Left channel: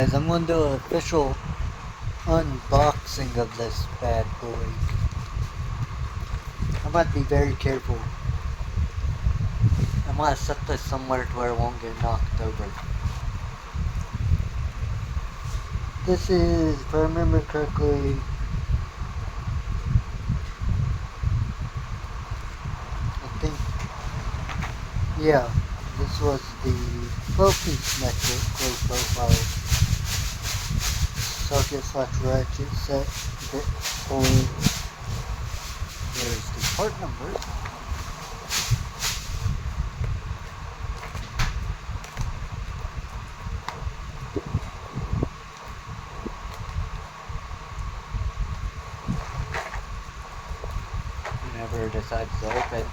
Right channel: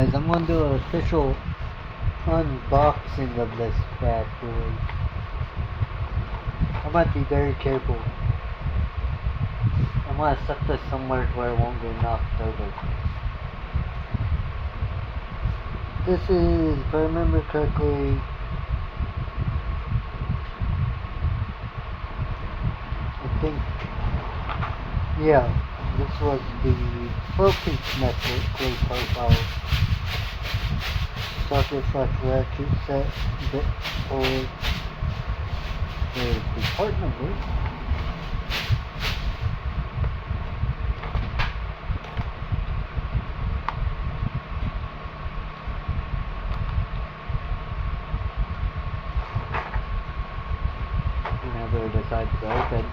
Guys, I'm going to do an official unboxing of this bad boy. I'm going to be very careful. I'm going to set this somewhere to where it won't get knocked over. This is, if I remember correctly, I think, yeah, this was the 12-piece metric 345 socket/ratchet set bit cord. There's the part number. Whenever it decides to open.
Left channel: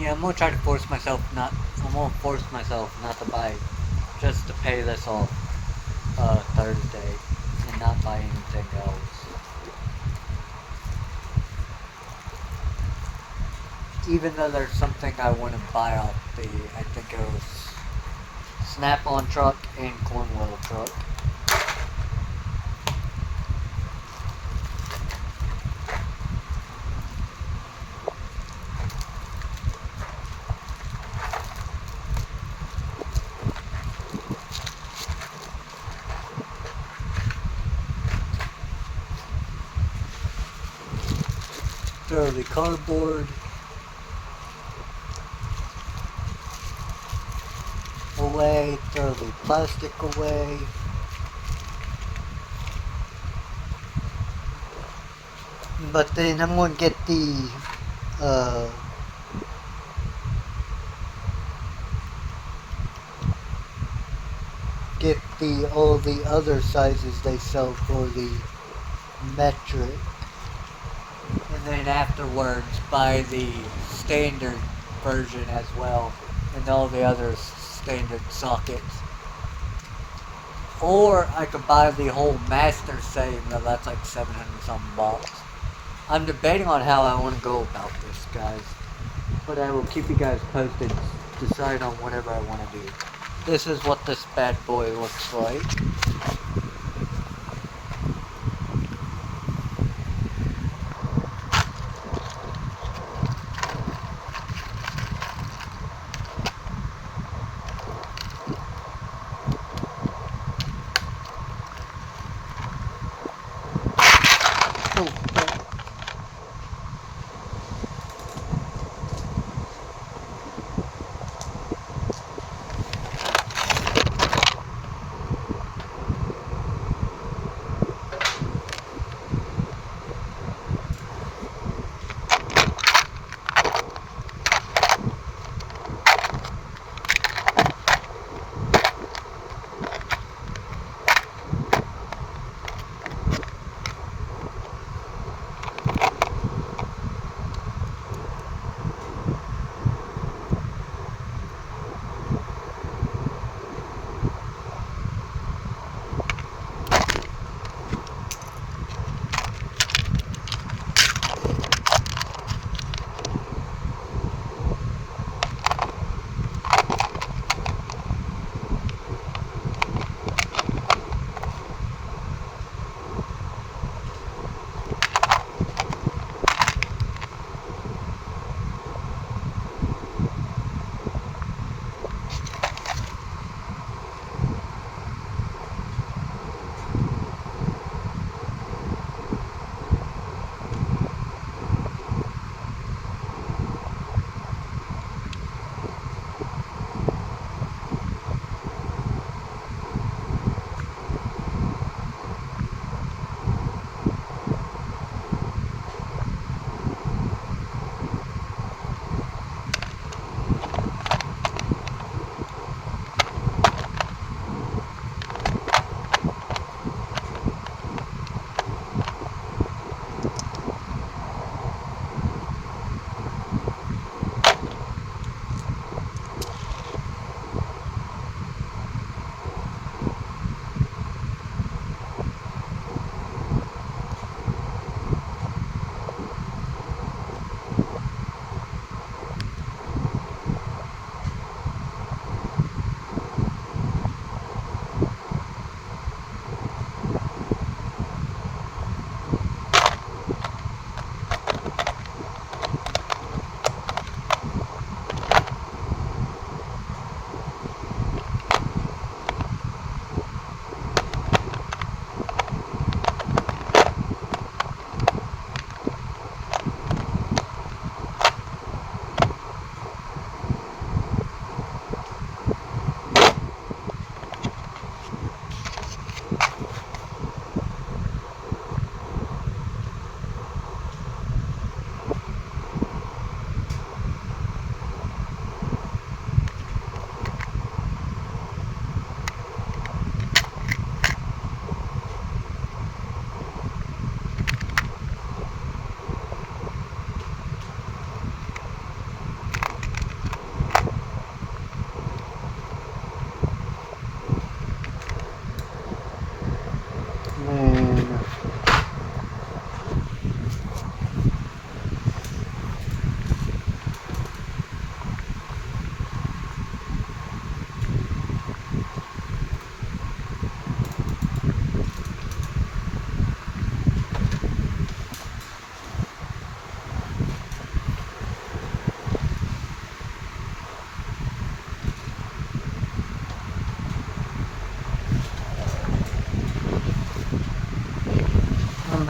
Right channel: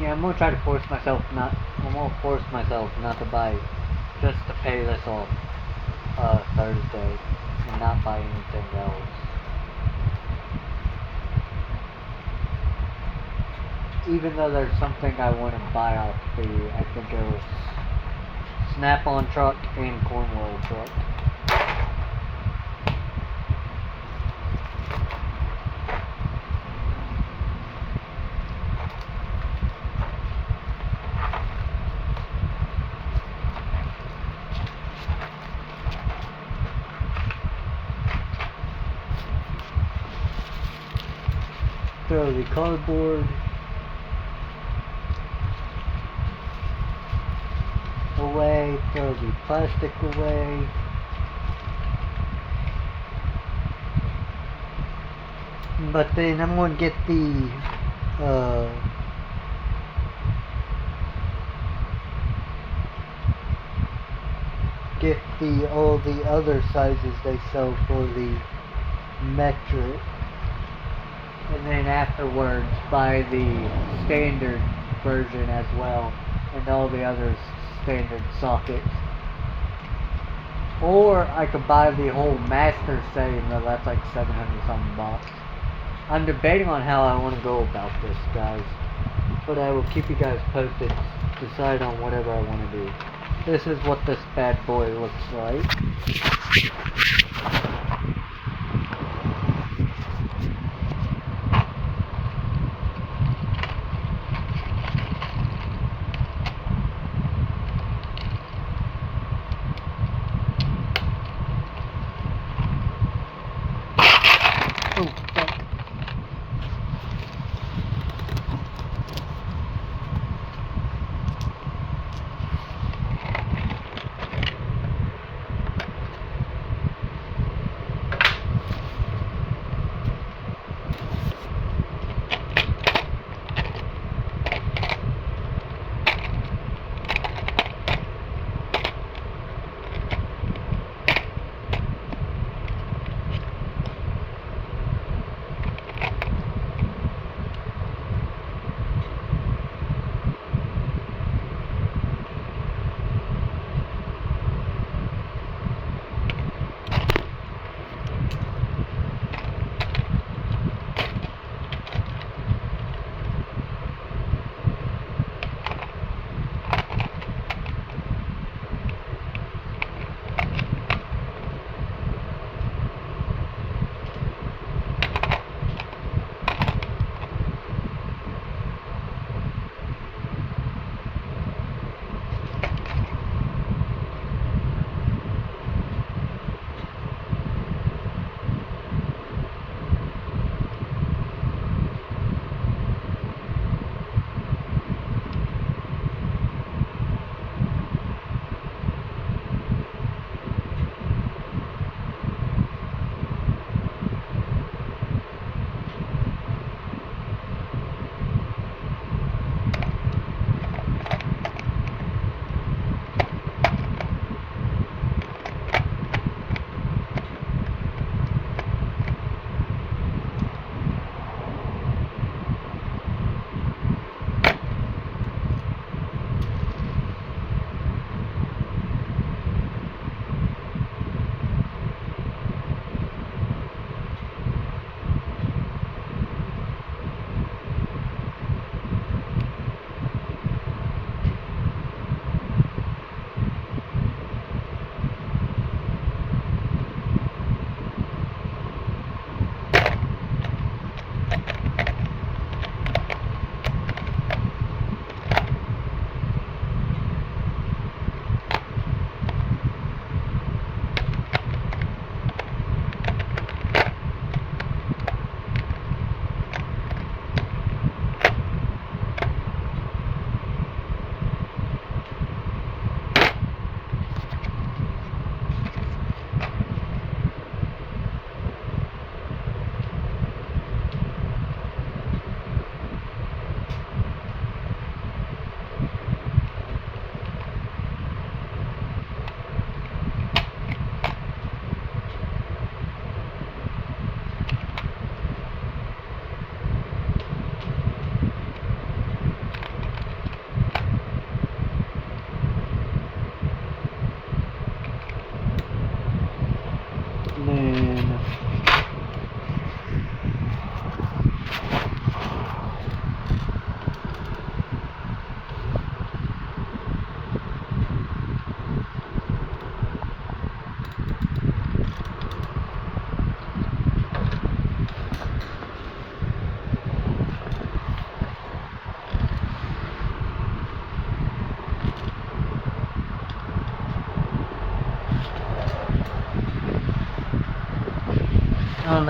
Yeah, I'm gonna try to force myself not. I'm gonna force myself not to buy, just to pay this off Thursday, and not buy anything else. Even though there's something I want to buy off the, I think it was Snap-on truck and Cornwall truck. Throw the cardboard away, throw the plastic away. But then I'm going to get the all the other sizes they sell for the metric. And then afterwards buy the standard version as well, and all the other standard sockets. Or I could buy the whole master setting, but that's like 700 something bucks. I'm debating on how I want to go about this, guys. But I will keep you guys posted, decide on whatever I want to do. This is what this bad boy looks like.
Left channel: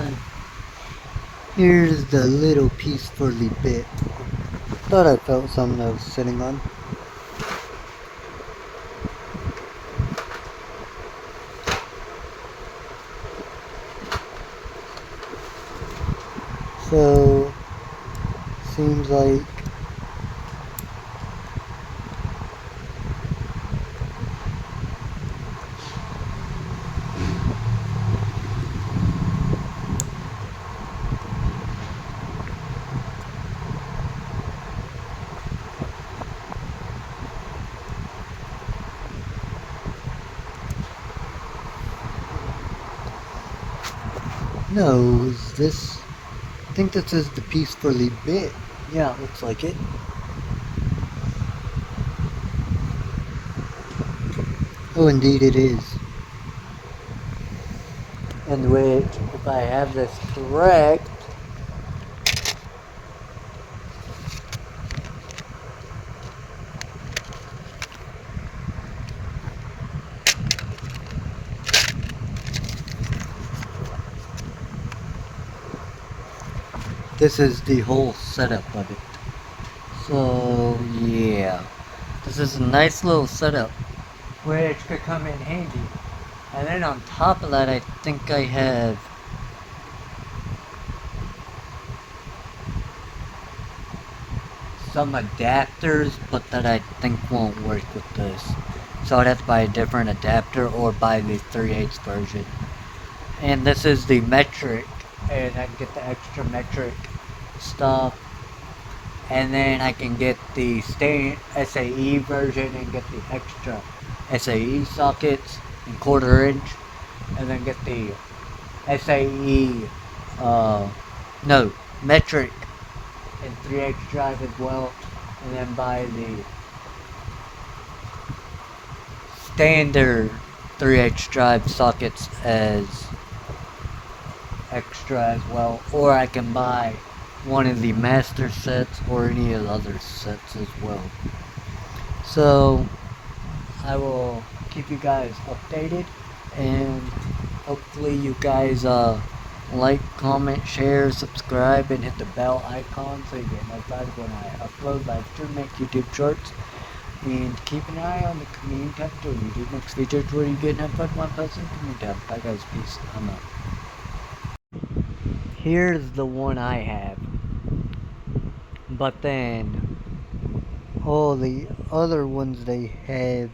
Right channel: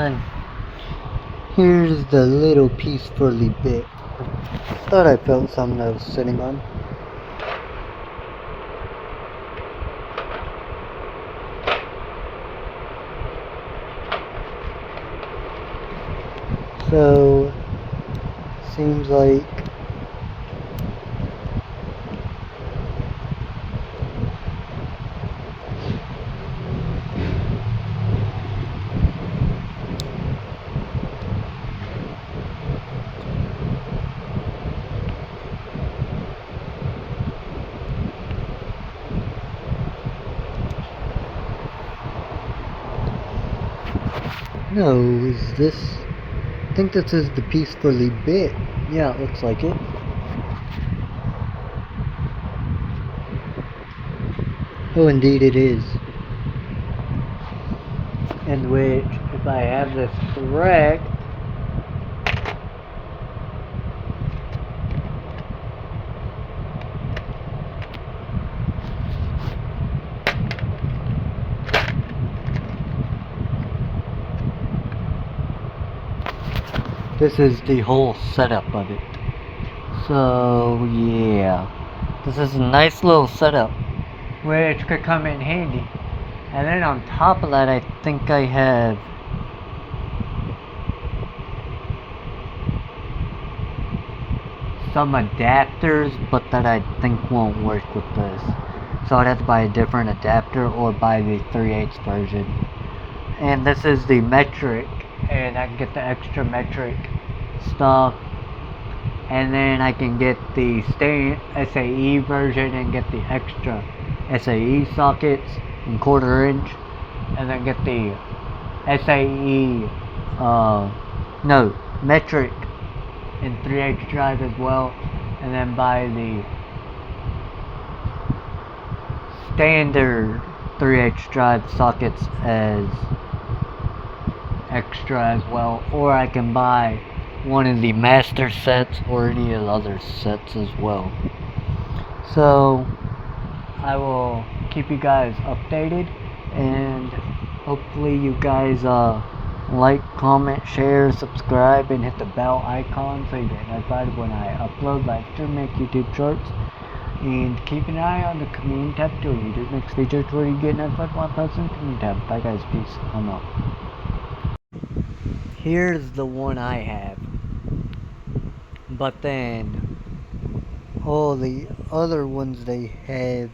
then here's the little piece for the bit. Thought I felt something I was sitting on. So, seems like no, is this? I think this is the piece for the bit. Yeah, it looks like it. Oh, indeed it is. In which, if I have this correct, this is the whole setup of it. So, yeah. This is a nice little setup, which could come in handy. And then on top of that, I think I have some adapters, but that I think won't work with this. So I'd have to buy a different adapter or buy the 3/8 version. And this is the metric, and I can get the extra metric stuff. And then I can get the SAE version and get the extra SAE sockets in 1/4 inch. And then get the SAE, no, metric in 3/8 drive as well. And then buy the standard 3/8 drive sockets as extra as well, or I can buy one of the master sets or any of the other sets as well. So I will keep you guys updated, and hopefully you guys like, comment, share, subscribe, and hit the bell icon so you get notified when I upload, live stream, make YouTube shorts. And keep an eye on the community tab to YouTube makes features where you get notified when I post in the community tab. Bye guys, peace, I'm out. Here's the one I have. But then all the other ones they have,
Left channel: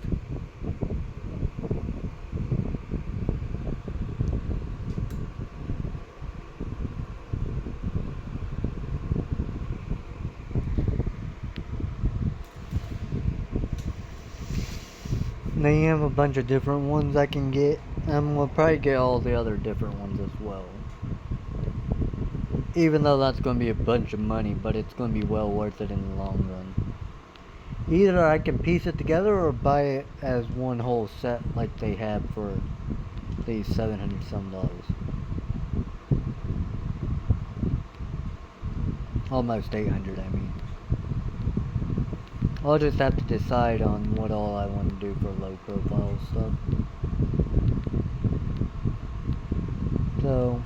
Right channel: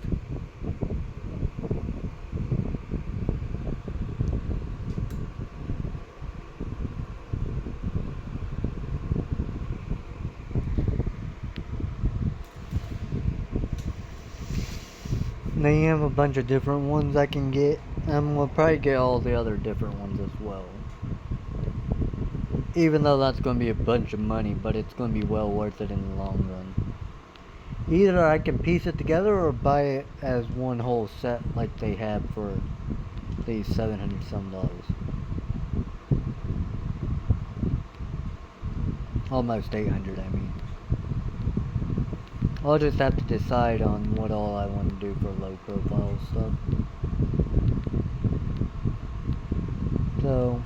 they have a bunch of different ones I can get. I'm gonna probably get all the other different ones as well. Even though that's gonna be a bunch of money, but it's gonna be well worth it in the long run. Either I can piece it together or buy it as one whole set like they have for these $700 some. Almost 800, I mean. I'll just have to decide on what all I want to do for low profile stuff. So,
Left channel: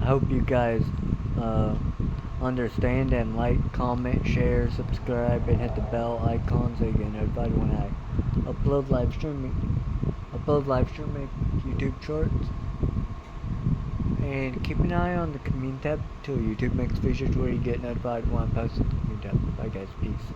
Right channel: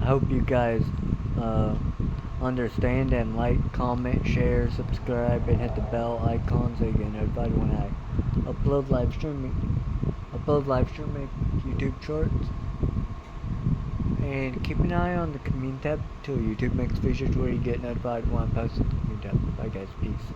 I hope you guys understand and like, comment, share, subscribe, and hit the bell icon so you get notified when I upload live streaming YouTube shorts. And keep an eye on the community tab till YouTube makes features where you get notified when I post the community tab. Bye guys, peace.